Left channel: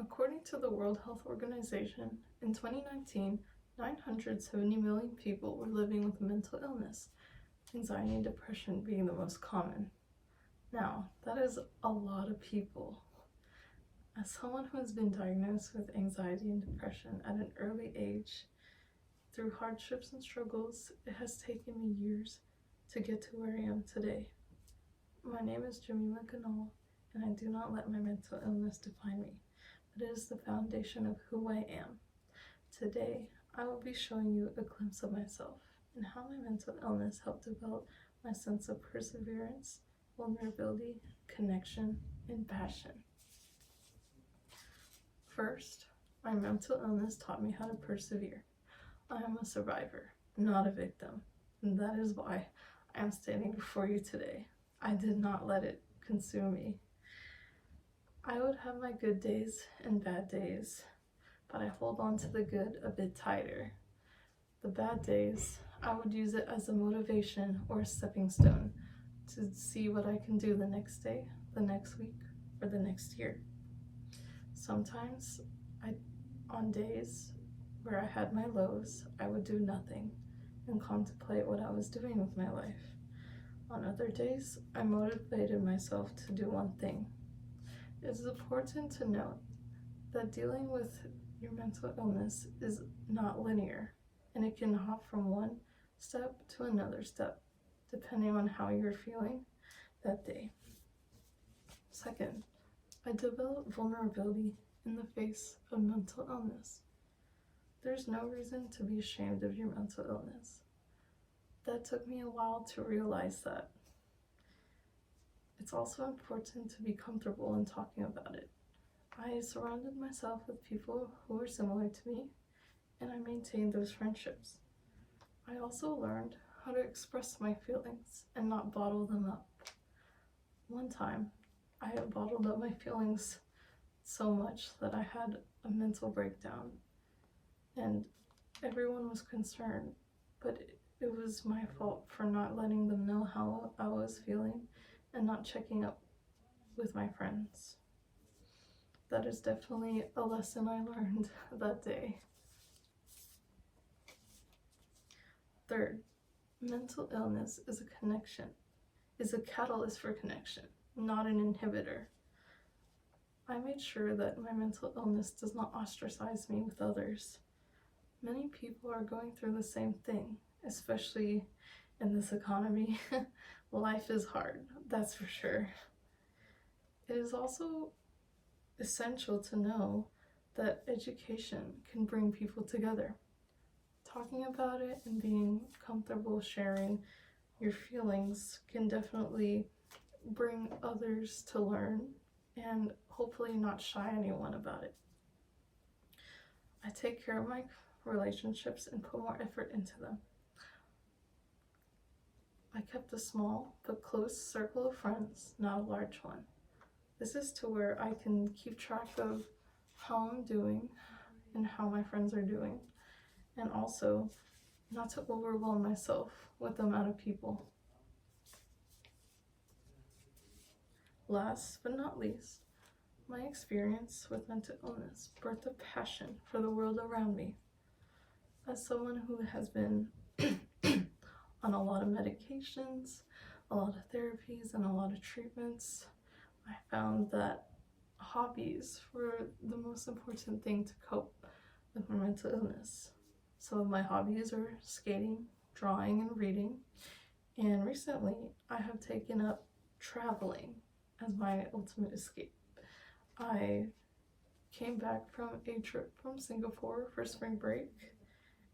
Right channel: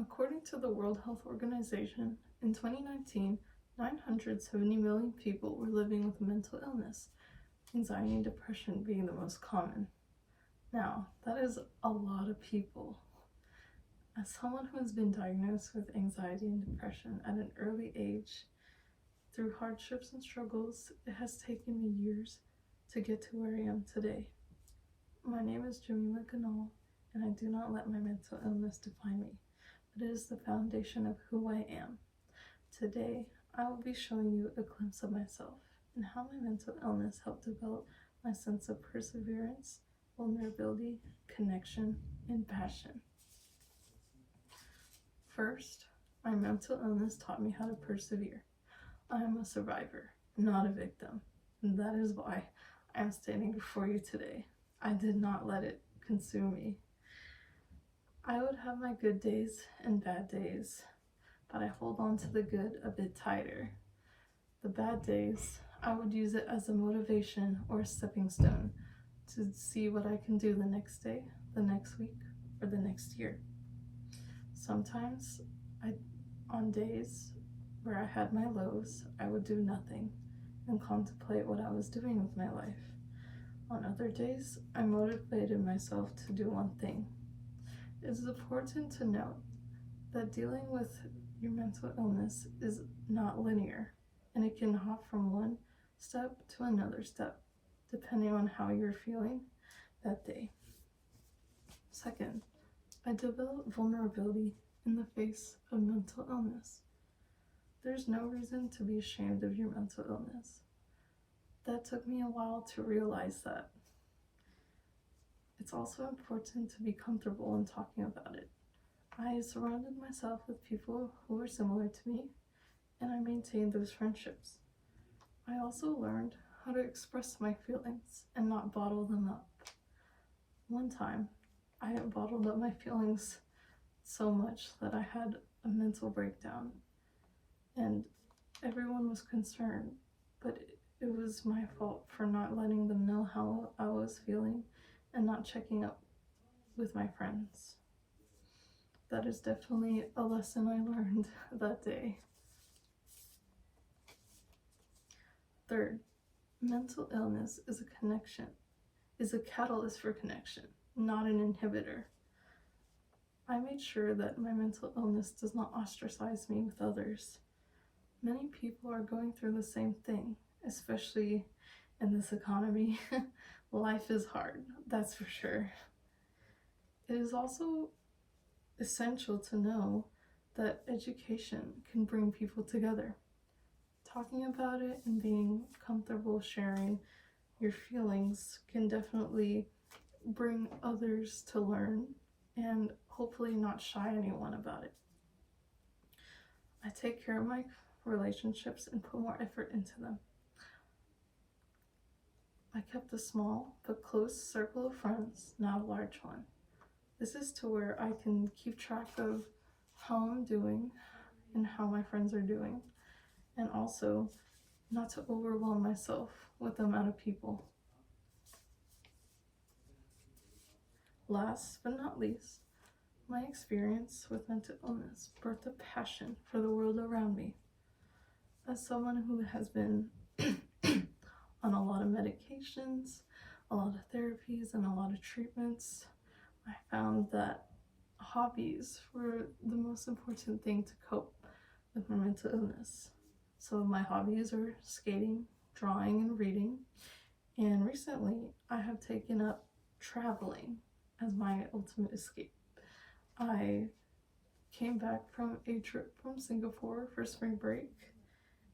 According to the World Health Organization, in 2019, 970 million people were living with mental illness, anxiety and depression being the most common. Now, that is a lot of people. As someone who has been diagnosed with anxiety and depression at an early age, through hardships and struggles, it has taken me years to get to where I am today. My name is Jamila Ganal, and I do not let my mental illness define me, but it is the foundation of who I am. Today, I will be showing you a glimpse of myself and how my mental illness helped develop my sense of perseverance, vulnerability, connection, and passion. First, my mental illness taught me how to persevere. I am a survivor, not a victim, and that is why I am standing before you today. I did not let it consume me. I would have my good days and bad days, but I hold on to the good a bit tighter. The bad days, I would use it as a motivation or a stepping stone to see what I can do the next day, the next week, or the next year. Sometimes, on days where I had my lows, I would do nothing and contemplate what I was doing with my life. On other days, I motivated myself to do one thing. It is important to note that dealing with your mental illness is not linear, and it can hop from one step to another step, depending on how you're feeling that day. Second, I developed vulnerability in the face of mental illness. There's no reason to be ashamed of your mental illness. That took me a while to realize that. It's also important to be comfortable in talking about it. I surrounded myself with people who were similar to me, and I maintained those friendships. I also learned how to express my feelings and not bottle them up. One time, I had bottled up my feelings so much that I had a mental breakdown, and everyone was concerned, but it was my fault for not letting them know how I was feeling and not checking up with my friends. That is definitely a lesson I learned that day. Third, mental illness is a catalyst for connection, not an inhibitor. I made sure that my mental illness does not ostracize me with others. Many people are going through the same thing, especially in this economy. Life is hard, that's for sure. It is also essential to know that education can bring people together. Talking about it and being comfortable sharing your feelings can definitely bring others to learn and hopefully not shy anyone about it. I take care of my relationships and put more effort into them. I kept a small but close circle of friends, not a large one. This is to where I can keep track of how I'm doing and how my friends are doing, and also not to overwhelm myself with the amount of people. Last but not least, my experience with mental illness birthed a passion for the world around me. As someone who has been on a lot of medications, a lot of therapies, and a lot of treatments, I found that hobbies were the most important thing to cope with my mental illness. Some of my hobbies are skating, drawing, and reading, and recently I have taken up traveling as my ultimate escape. I came back from a trip from Singapore for spring break,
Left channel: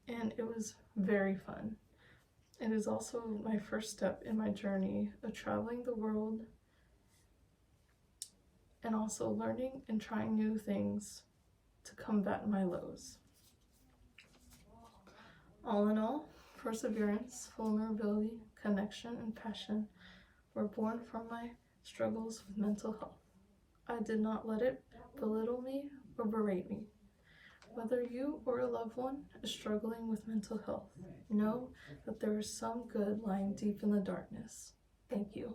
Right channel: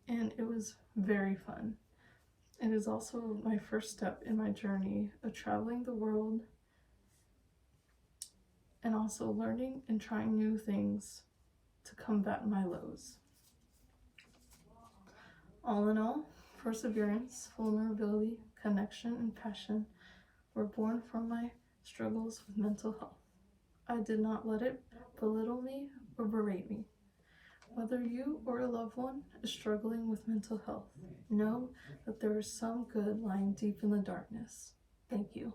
and it was very fun. It is also my first step in my journey of traveling the world and also learning and trying new things to combat my lows. All in all, perseverance, vulnerability, connection, and passion were born from my struggles with mental health. I did not let it belittle me or berate me. Whether you or a loved one is struggling with mental health, know that there is some good lying deep in the darkness. Thank you.